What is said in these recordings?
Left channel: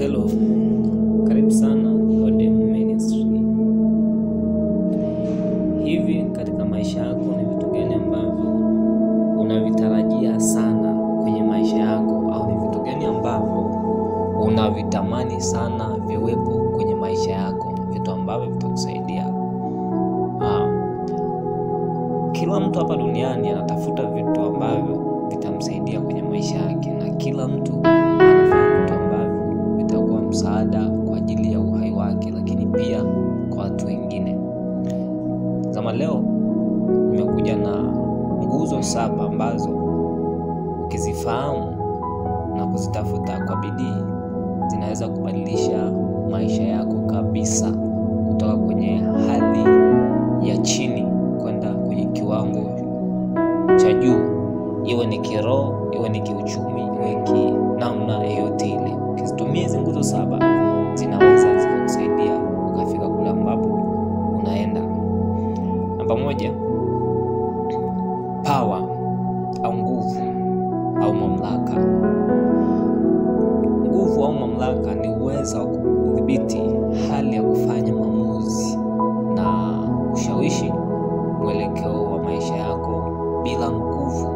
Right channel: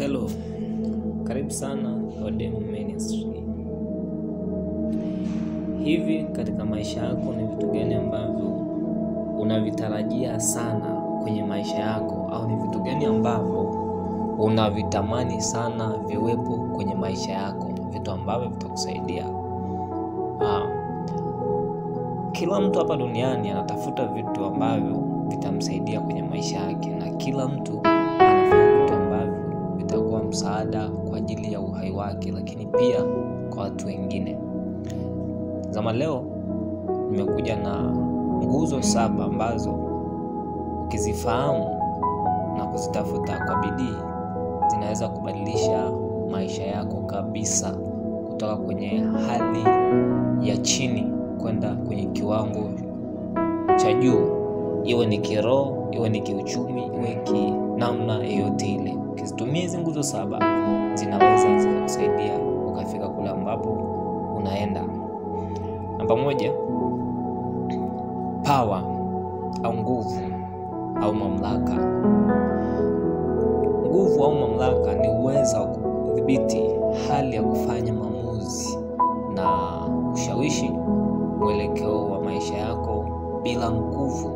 Hello, karibu sana Odem Ministry. Hivi katika maisha yako ni vitu gani ambavyo unavitarajia sana kwenye maisha yako, au ni vitu gani ambavyo unavitamani sana viwepo kwenye maisha yako, vitu ambavyo vitakusaidia? Kila mtu hapa duniani anatafuta vitu ambavyo vitamsaidia kwenye maisha yake, na kila mtu anafanya vitu ambavyo vitakuwa msaada kwa ajili ya uhai wake, lakini pia kwa watu wengine. Zama leo nimekuja na nguzo 7 ambazo ukizifahamu na kuzitafuta kwa bidii zinaweza kubadilisha maisha yako kabisa, kutoka kwenye hali ya chini kwenda kwenye kiwango cha juu, iwe ni kiroho, iwe ni kiuchumi, iwe namna yoyote ile. Ukizitumia hizo nguzo 7 zinaweza zikakusaidia ukafika kule ambapo unaenda. Namba 1, power au nguvu au mamlaka. Nguvu au mamlaka ni uwezo wa kudhibiti hali ya kufanya maamuzi na kushawishi mwelekeo wa maisha yako. Bila nguvu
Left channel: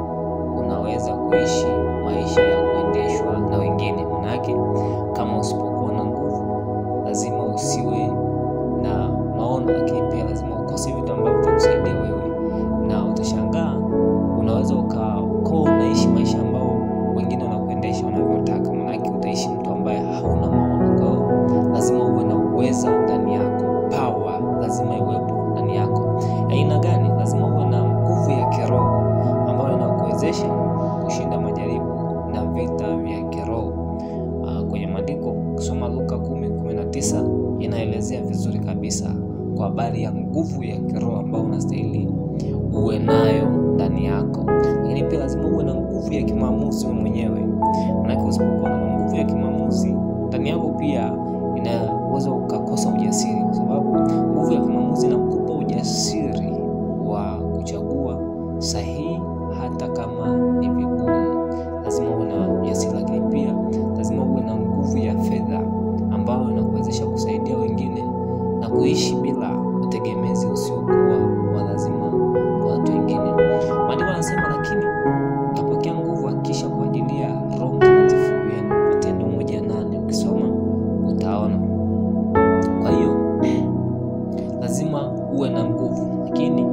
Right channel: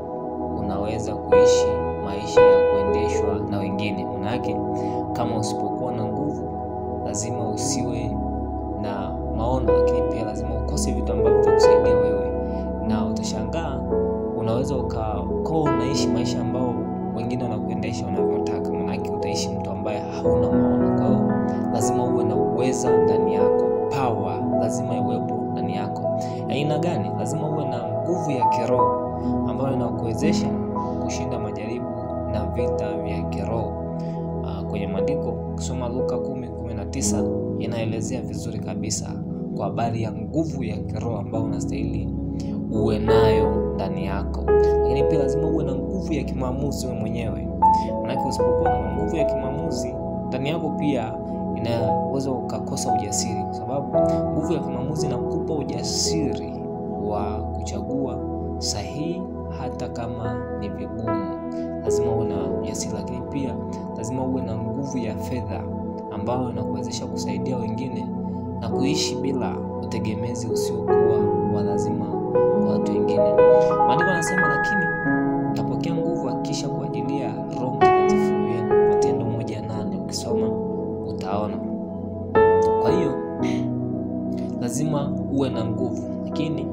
unaweza kuishi maisha ya kuendeshwa na wengine. Manake kama usipokuwa na nguvu, lazima usiwe na maono, lakini pia lazima ukose vitu ambavyo vitakusaidia wewe, na utashangaa unaweza ukawa unaishi maisha ambao wengine wanakuendesha wanavyotaka. Manake utaishi mtu ambaye hauna maono. Kwa hiyo lazima uwe na uweza ndani yako, power lazima iwepo ndani yako. Aina gani? Lazima uwe na nguvu ya kiroho ambayo inakuwezesha kushinda majaribu na vita vya kiroho. Kwenye maandiko kusoma Luka 10:19 inaelezea vizuri kabisa kwa habari ya nguvu ya kiroho ambayo unastahili uwe nayo ndani yako. Lakini pia lazima uwe na nguvu ya kimaamuzi wewe mwenyewe. Maana usipokuwa na nguvu ya kimaamuzi ndani yako, pia inaweza ukakosa ujasiri, kwa sababu nguvu ya kimaamuzi inakupa ujasiri wa kuchagua sahihi hata kama ni vigumu. Lazima uwe na ujasiri. Lakini pia lazima uwe na nguvu ya fedha ambayo inakuwezesha kusaidia wengine na kuishi bila utegemezi usiokuwa wa lazima kwa watu wengine. Maandiko yanasema, lakini utapokea nguvu akisha kuajilia Roho Mtakatifu wenu. Matendo 1:8 ukisoma utaona. Kwa hiyo lazima uwe na nguvu. Lakini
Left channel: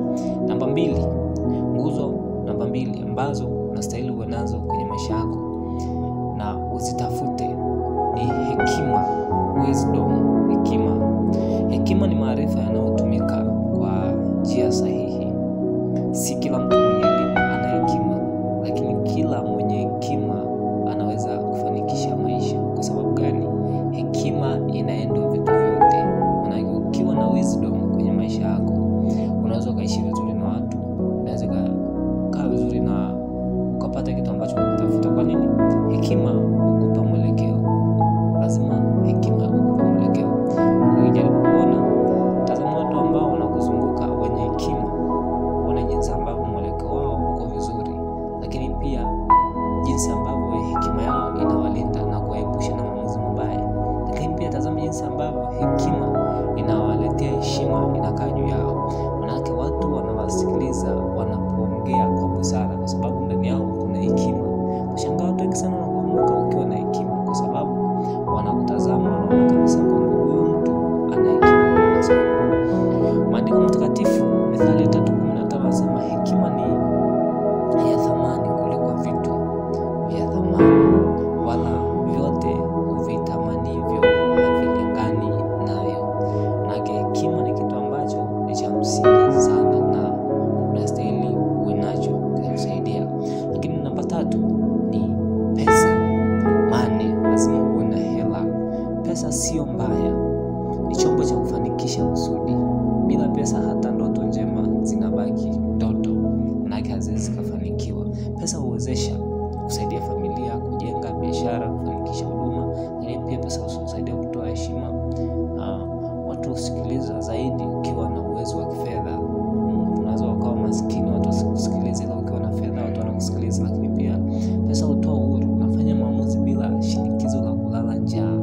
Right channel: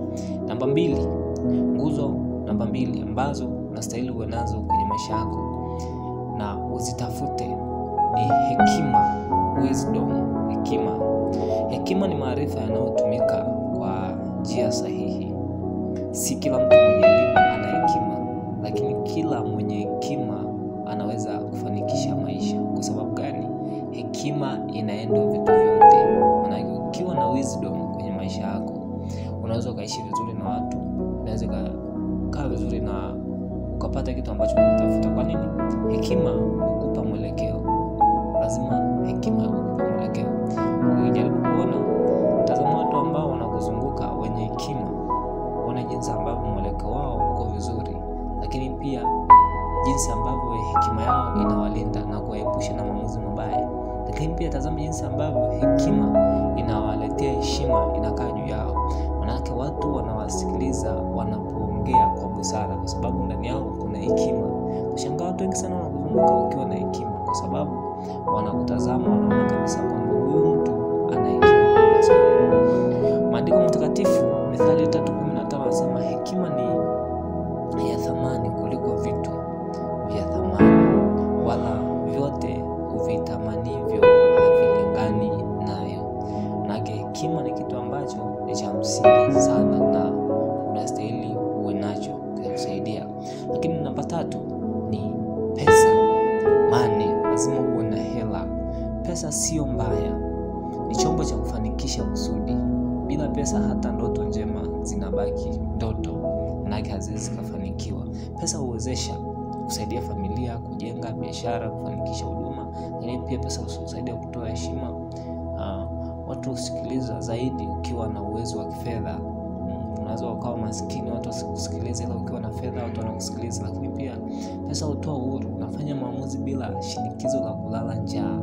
namba 2, nguzo namba 2 ambazo unastahili uwe nazo kwenye maisha yako na uzitafute ni hekima, wisdom. Hekima ni maarifa yanayotumika kwa njia sahihi. Si kila mtu mwenye elimu ana hekima, lakini kila mwenye hekima anaweza kufanikisha maisha. Kwa sababu gani? Hekima inaenda vitu vyote. Maana ukiwa na wisdom kwenye maisha yako, unaweza ukaishi vizuri na watu, unaweza kukaa vizuri na ukapata kitu ambacho unatafuta. Kwa nini? Hekima hukupa mwelekeo. Lazima hekima hukupa mwelekeo. Ukijaribu kuona, tazama watu ambao wanakuzunguka wenye hekima, uone jinsi ambavyo mwelekeo wao uko vizuri, lakini pia jinsi ambavyo hekima yao inawalinda na kuwaepusha na maamuzi mabaya. Lakini pia tazama jinsi ambavyo hekima inawaletea heshima, inakaa juu yao. Manake watu wanawasikiliza wanapoongea kwa busara, kwa sababu ndani yao kuna hekima. Ushangaa watu wengi sana wanakuzunguka ukiwa na hekima, kwa sababu wanakutazama, wanaona kabisa kwamba huyu mtu ana hekima. Maandiko matakatifu Mithali 3:15 anasema, hekima ni ya thamani kuliko vitu vya thamani, wala vyote uvitamanivyo havilingani nayo. Manake hekima ni kitu ambacho ni cha msingi sana na unastahili uwe nacho kukusaidia. Lakini namba 3 ni pesa, money. Lazima uwe na hela. Pesa sio mbaya, ni chombo cha kufanikisha kusudi. Bila pesa hata ndoto njema zinabaki ndoto, manake haziwezi kufanikiwa. Pesa huwezesha kusaidia familia, kujenga biashara, kufanikisha huduma. Lakini pia pesa husaidia kutoa heshima. Watu usikiliza zaidi ukiwa na uwezo wa kifedha. Unaweza ukawa maskini watu wasikusikilize, ila ukiwa na fedha watu wanakusikiliza. Lakini pia pesa hutoa uhuru, unafanya maamuzi bila shinikizo la kulala njaa.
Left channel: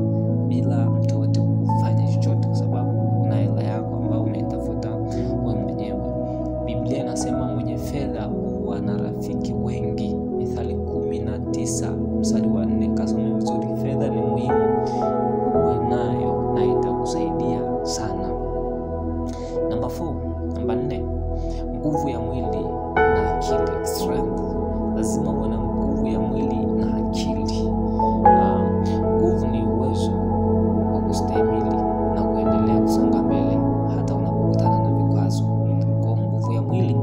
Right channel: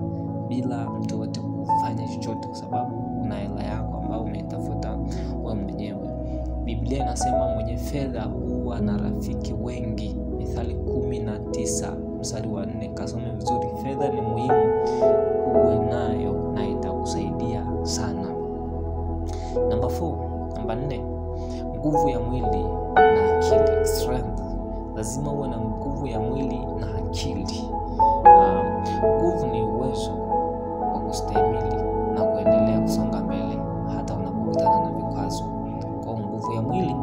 bila mtu wote kufanya chochote, kwa sababu una hela yako ambayo umeitafuta wewe mwenyewe. Biblia inasema mwenye fedha huwa na rafiki wengi, Mithali 19 mstari wa 4. Kasome vizuri, fedha ni muhimu uwe nayo na itakusaidia sana. Namba 4, nguvu ya mwili na akili, strength. Lazima uwe na nguvu ya mwili na akili. Nguvu ni uwezo wa kustahimili na kuendelea kusonga mbele hata unapokutana na vikwazo. Kwa nguvu ya mwili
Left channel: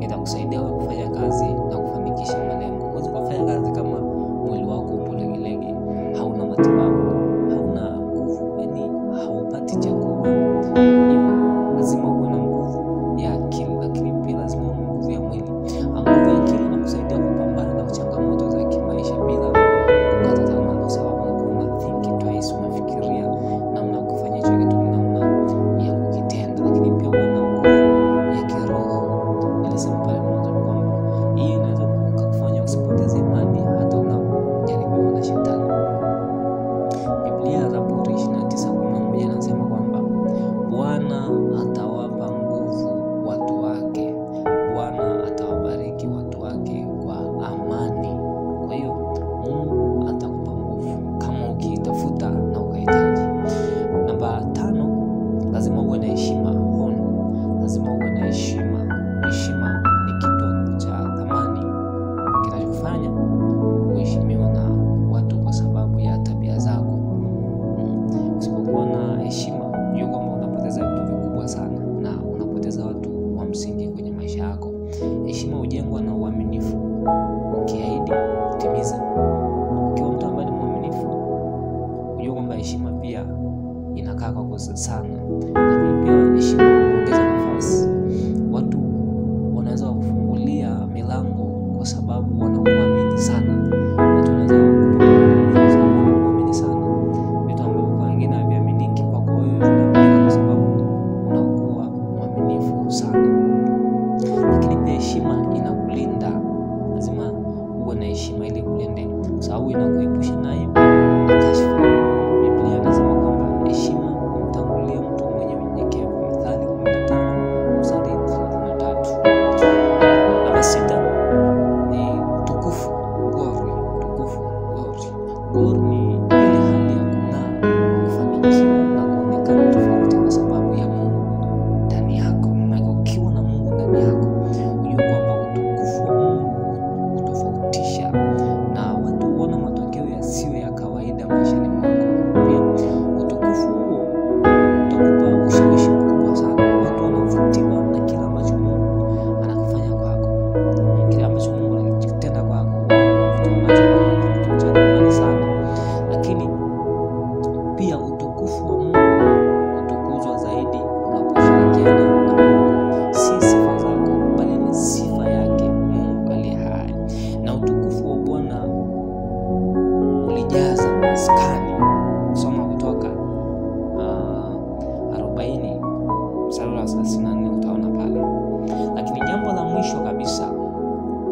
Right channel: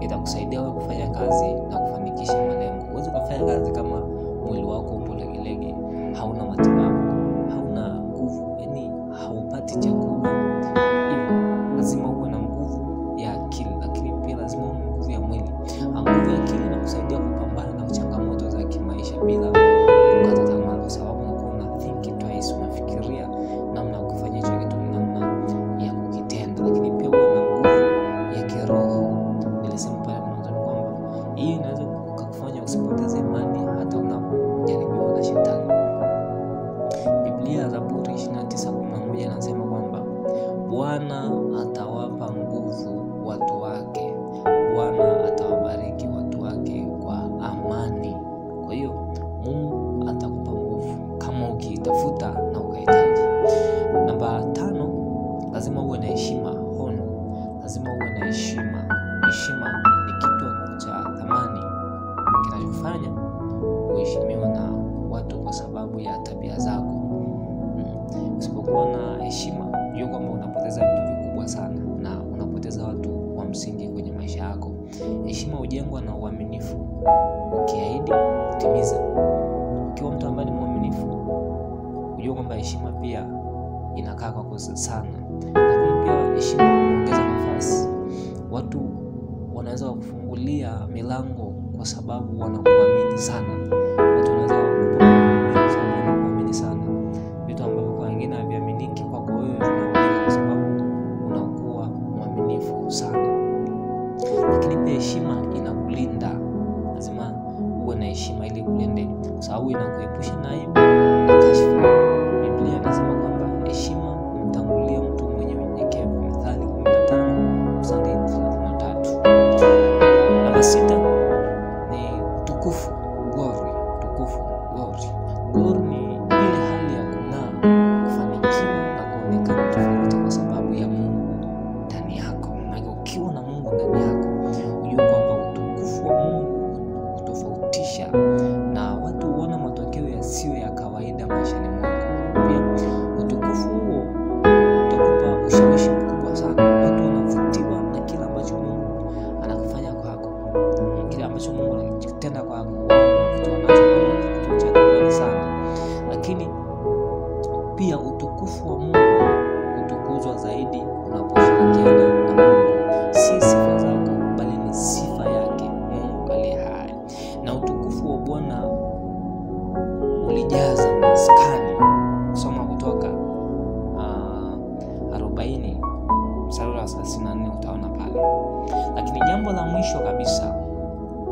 itakusaidia wewe kufanya kazi na kufanikisha malengo. Huwezi kufanya kazi kama mwili wako upo legelege, hauna matibabu, hauna nguvu, yani haupati chakula. Hivyo lazima uwe na nguvu ya akili, lakini pia lazima uwe na nguvu ya mwili. Nguvu ya akili inakusaidia kupambana na changamoto za kimaisha bila kukata tamaa, kwa sababu unakuwa think twice, unafikiria namna ya kufanya hicho kitu, namna ya kukitenda. Lakini pia uwe na nguvu ya kiroho. Nilisema pale mwanzo kwamba hii inaweza kukufanya usipoteze imani hata unapojaribiwa na shetani. Biblia Zaburi 29:11 inasema kwamba Bwana atawapa nguvu watu wake, Bwana atawabariki watu wake kwa amani. Kwa hiyo Mungu atakupa nguvu kama ukiitafuta na ukahitaji. Namba 5, lazima uwe na heshima, honor. Lazima uwe na heshima. Heshima ni kitu cha thamani kinachofanya uheshimiwa na watu kwa sababu ya tabia zako. Usipokuwa na heshima, jua kwamba unapoteza vitu vikubwa sana na unapoteza watu wa msingi kwenye maisha yako. Heshima hujengwa na uaminifu. Ukiahidi, timiza. Ukiwa mtu ambaye ni mwaminifu, unajua kwamba heshima pia inakaa kwa kosa sana. Lakini pia heshima huongeza nafasi. Watu wanaweza kufungulia milango kwa sababu wanakuamini sana. Watu wanaweza kukupa kwa sababu wanakuamini sana. Vitu ambavyo kwa wengine haviaminiki, kwa wewe vinaaminika kwa sababu unakuwa mwaminifu sana. Lakini pia heshima inakulinda. Lazima uwe na heshima ili kulinde, kwa sababu inakuepusha na aibu na kashfa. Biblia inasema kwamba heshima humtangulia mtu mwenye unyenyekevu, Mithali 15 mstari 33. Namba 6 ni utukufu, glory. Glory ni ile hali ya kung'aa, kufanikiwa na kuonekana tofauti kwa sababu ya Mungu ndani yako. Na ukiwa na Mungu ndani yako, unajua kwamba utukufu wa Mungu kutofautisha na watu huona matokeo yasiyo ya kawaida maishani mwako. Pia utukufu huo utakupa ushawishi mkubwa sana. Watu wanavutiwa na kile ambacho Mungu anakufanya kwako, kile ambacho Mungu anakitenda kwako. Wanavutiwa nacho kwa kitu cha thamani sana. Lakini pia utukufu wa Mungu utukuzwa zaidi unaposhirikiana na Mungu. Si sifa zako, bali ni sifa yake Mungu aliye hai. Na utukufu wa Bwana ulijaza maskani. Soma Kutoka 40 mstari wa 34 utaona pale. Lakini jambo la mwisho kabisa,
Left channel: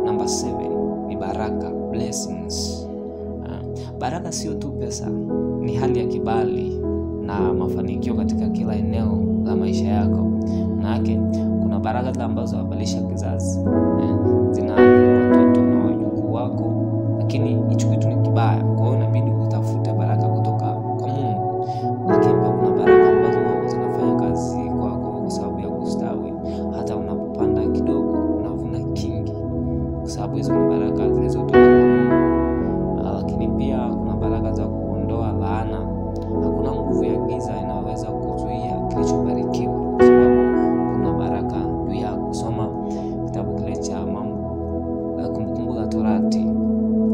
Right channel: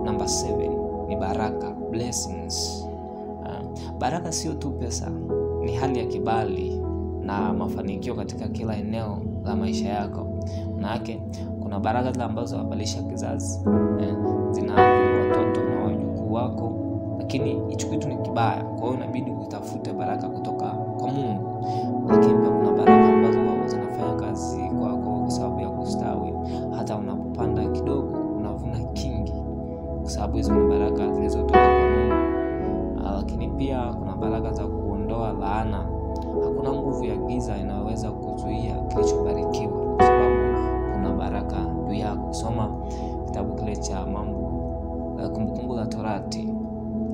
namba 7, ni baraka, blessings. Baraka sio tu pesa, ni hali ya kibali na mafanikio katika kila eneo la maisha yako. Maana kuna baraka zile ambazo zinabadilisha kizazi, zinaathiri watoto na wajukuu wako, lakini hicho kitu ni kibaya. Kwa hiyo inabidi utafute baraka kutoka kwa Mungu. Lakini pia kuna baraka ambazo zinafanya kazi kwako kwa sababu ya kustawi. Hata unapopanda kidogo unavuna kingi, kwa sababu hizo ni baraka zilizotoka kwa Mungu. Lakini pia kuna baraka za kuondoa laana. Hakuna nguvu ya giza inaweza kuzuia kilichobarikiwa, kwa sababu kuna baraka juu yako. Soma kitabu kile cha Kumbukumbu la Torati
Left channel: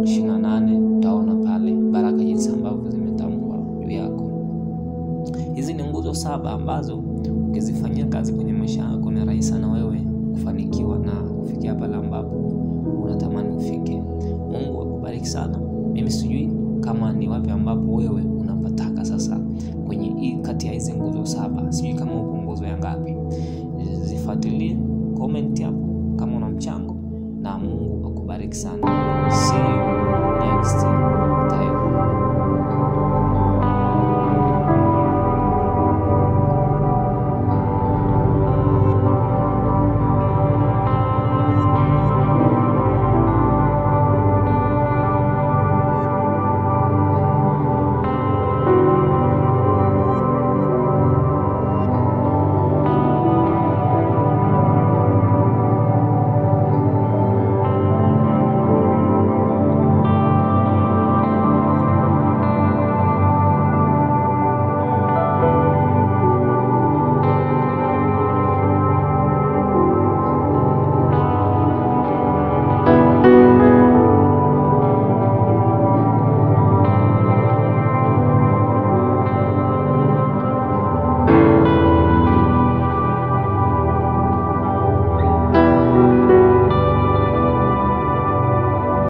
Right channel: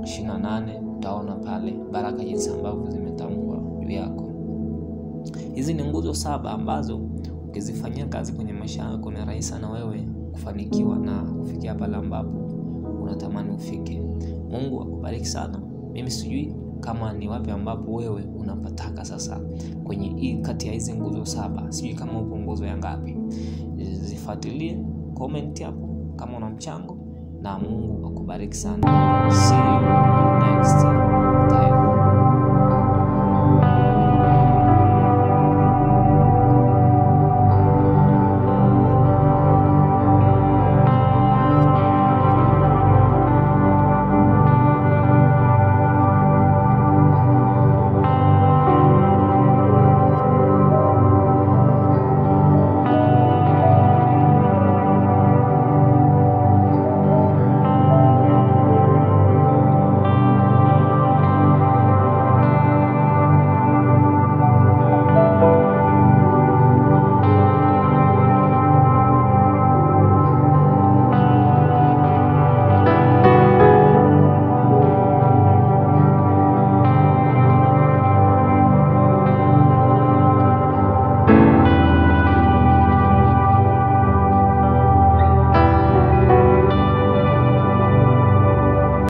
28, utaona pale baraka jinsi ambavyo zimetamkwa juu yako. Hizi ni nguzo 7 ambazo ukizifanyia kazi kwenye maisha yako ni rahisi sana wewe kufanikiwa na kufikia pale ambapo unatamani ufike. Mungu akubariki sana. Mimi sijui kama ni wapi ambapo wewe unapataka sasa kwenye kati ya hizi nguzo 7. Sijui kama uko nguzo ya ngapi. Zifuatilie, comment hapo kama una mchango, na Mungu akubariki sana. See you next time.